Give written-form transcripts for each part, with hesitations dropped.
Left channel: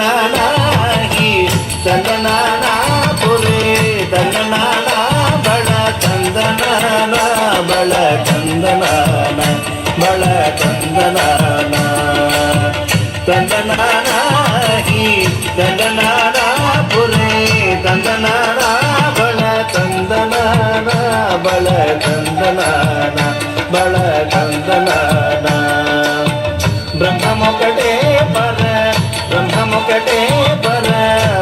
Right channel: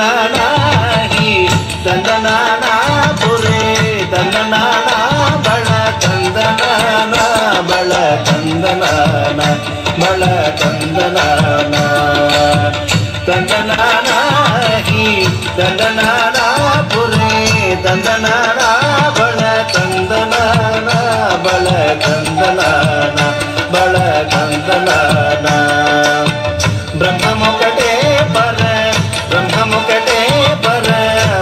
ತಂದನಾನಾಗಿ ತಂದನಾನ ಪುರೇ ತಂದನಾನ ಬಳ ತಂದನಾನ ಬಳ ತಂದನಾನ ಬಳ ತಂದನಾನ ತಂದನಾನಾಗಿ ತಂದನಾನ ಪುರೇ ತಂದನಾನ ಬಳ ತಂದನಾನ ಬಳ ತಂದನಾನ ಬಳ ತಂದನಾನ ಬ್ರಹ್ಮಮೊಕಟೇ ಪರ ಬ್ರಹ್ಮಮೊಕಟೇ ಪರ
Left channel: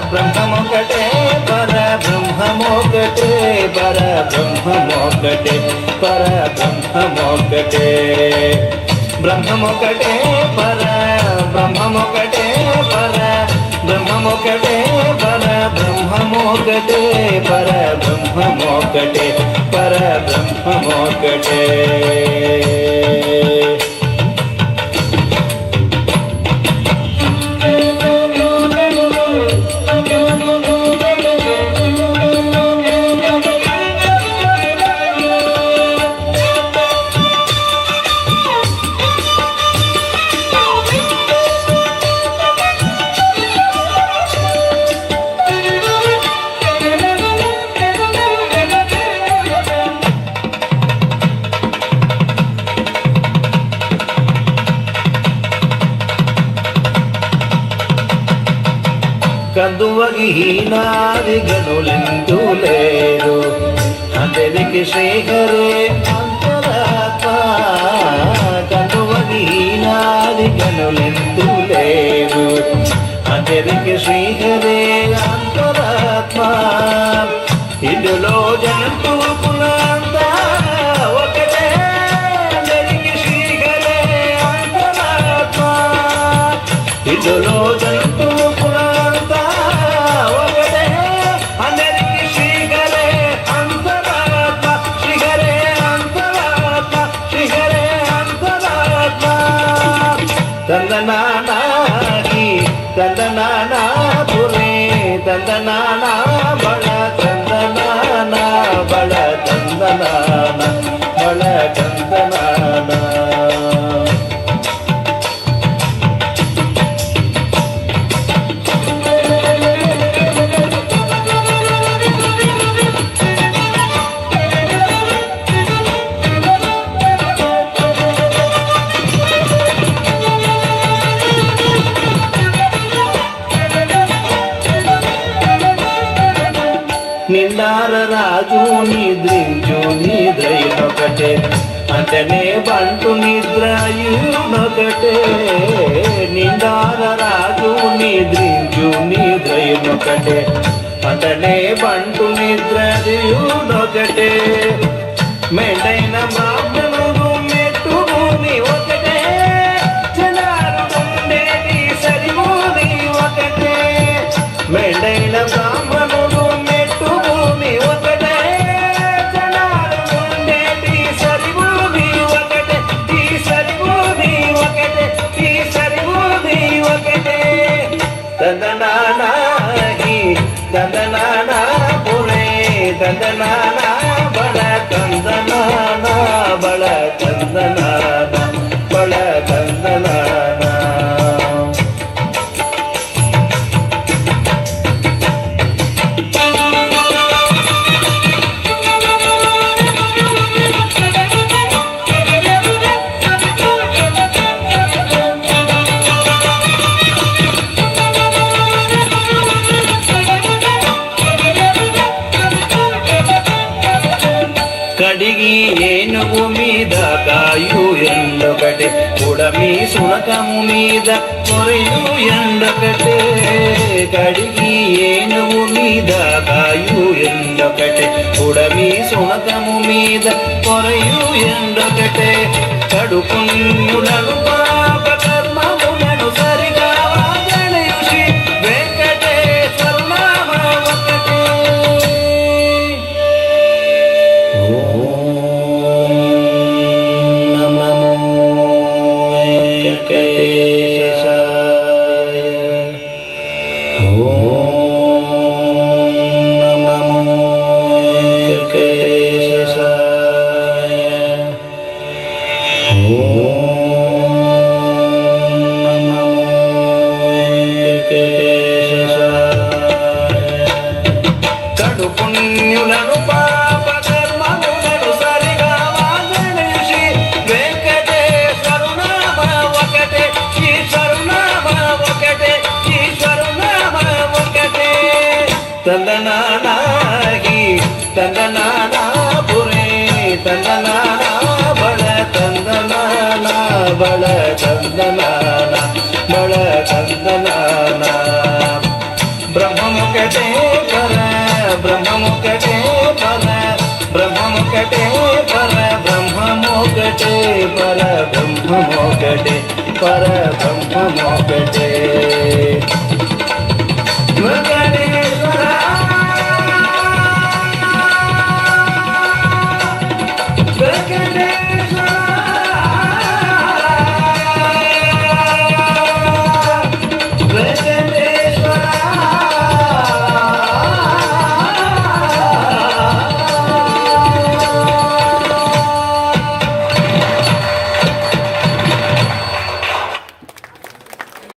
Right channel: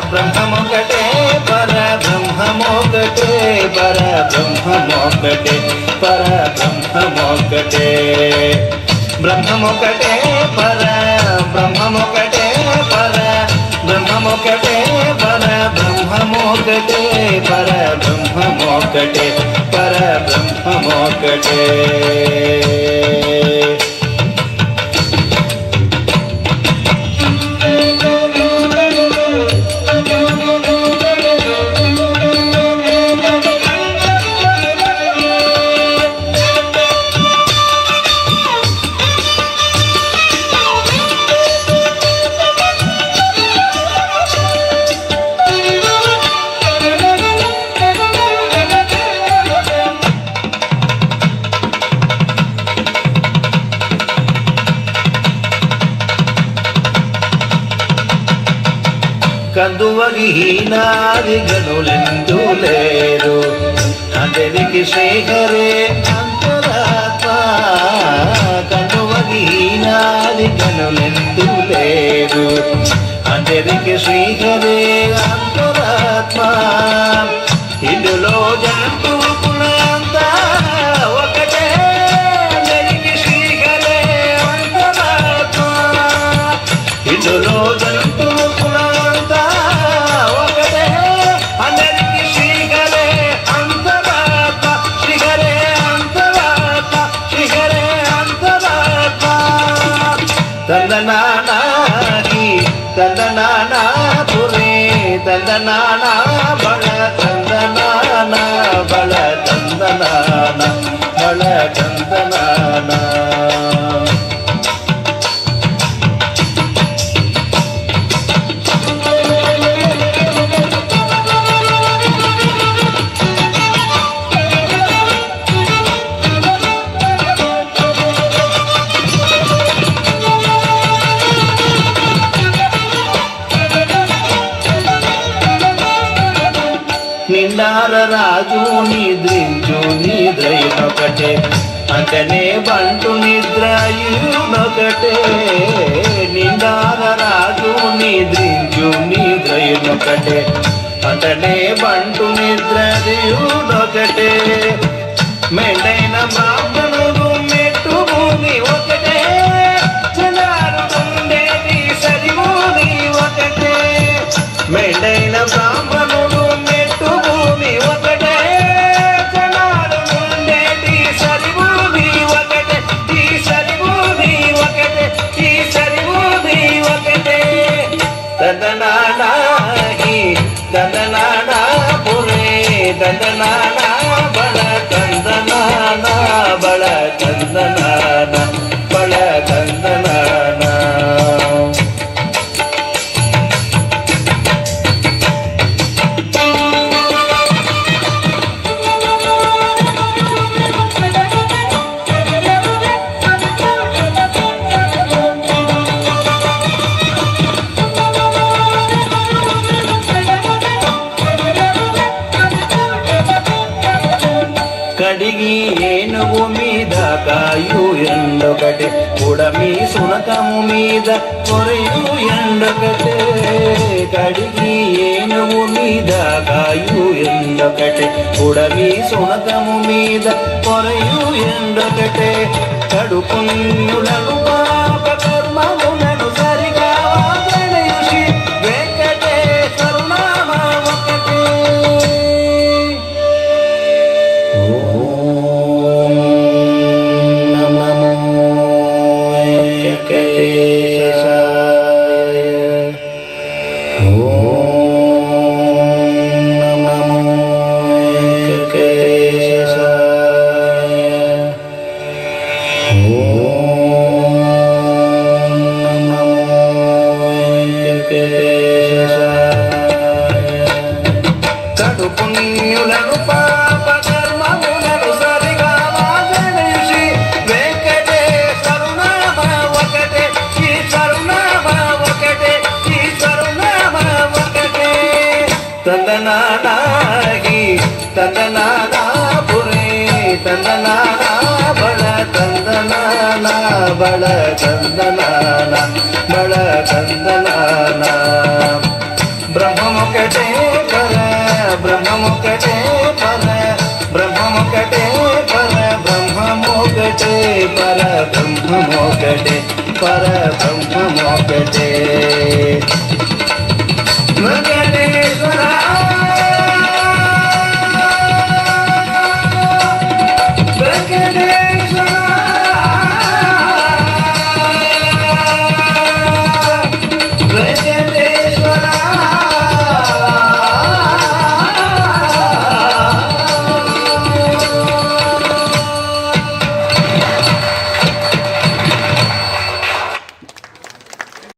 ಬ್ರಹ್ಮಮೊಕಟೇ ಪರ ಬ್ರಹ್ಮಮೊಕಟೇ ಪರ ಬ್ರಹ್ಮಮೊಕಟೇ ಪರ ಬ್ರಹ್ಮಮೊಕಟೇ ಬ್ರಹ್ಮಮೊಕಟೇ ಪರ ಬ್ರಹ್ಮಮೊಕಟೇ ಪರ ಬ್ರಹ್ಮಮೊಕಟೇ ಪರ ಬ್ರಹ್ಮಮೊಕಟೇ ಪರ ಬ್ರಹ್ಮಮೊಕಟೇ ಪರ ಬ್ರಹ್ಮಮೊಕಟೇ కందువగినాదిగనులెందు లేరు అందరికి శ్రీహరే అంతరాత్మ కందువగినాదిగనులెందు లేరు అందరికి శ్రీహరే అంతరాత్మ ఇందులో జంతువు కులంతా ఒకటే అందరికి శ్రీహరే అంతరాత్మ ఇందులో జంతువు ತಂದನಾನಾಗಿ ತಂದನಾನ ಪುರೇ ತಂದನಾನ ಬಳ ತಂದನಾನ ಬಳ ತಂದನಾನ ಬಳ ತಂದನಾನ నిండార రాజు నిద్రించు నిద్రయునొకటే అంటనే బంటు నిద్రయునొకటే నిండార రాజు నిద్రించు నిద్రయునొకటే అంటనే బంటు నిద్రయునొకటే మెండైన బ్రాహ్మణుడు మెట్టు భూమి ఒకటే జనాలు ఉండేది సరిభూమి ఒకటే మెండైన బ్రాహ్మణుడు ತಂದನಾನಾಗಿ ತಂದನಾನ ಪುರೇ ತಂದನಾನ ಬಳ ತಂದನಾನ ಬಳ ತಂದನಾನ ಬಳ ತಂದನಾನ కడిగి ఏనుగు మీద కాయు ఎండొకటే ఉడమి సునకము మీద కొరియు ఎండొకటే కడిగి ఏనుగు మీద కాయు ఎండొకటే ఉడమి సునకము మీద కొరియు ఎండొకటే కడుపుణ్యులను పాప కర్మములను సరిగా గణయుషి వెంకటేశ్వర నామ ఒకటే Om Namo Venkatesaya. బళ చందనాన బళ చందనాన బ్రహ్మముకటే పర బ్రహ్మముకటే పర బ్రహ్మముకటే పర బ్రహ్మముకటే పర బ్రహ్మముకటే పర బ్రహ్మముకటే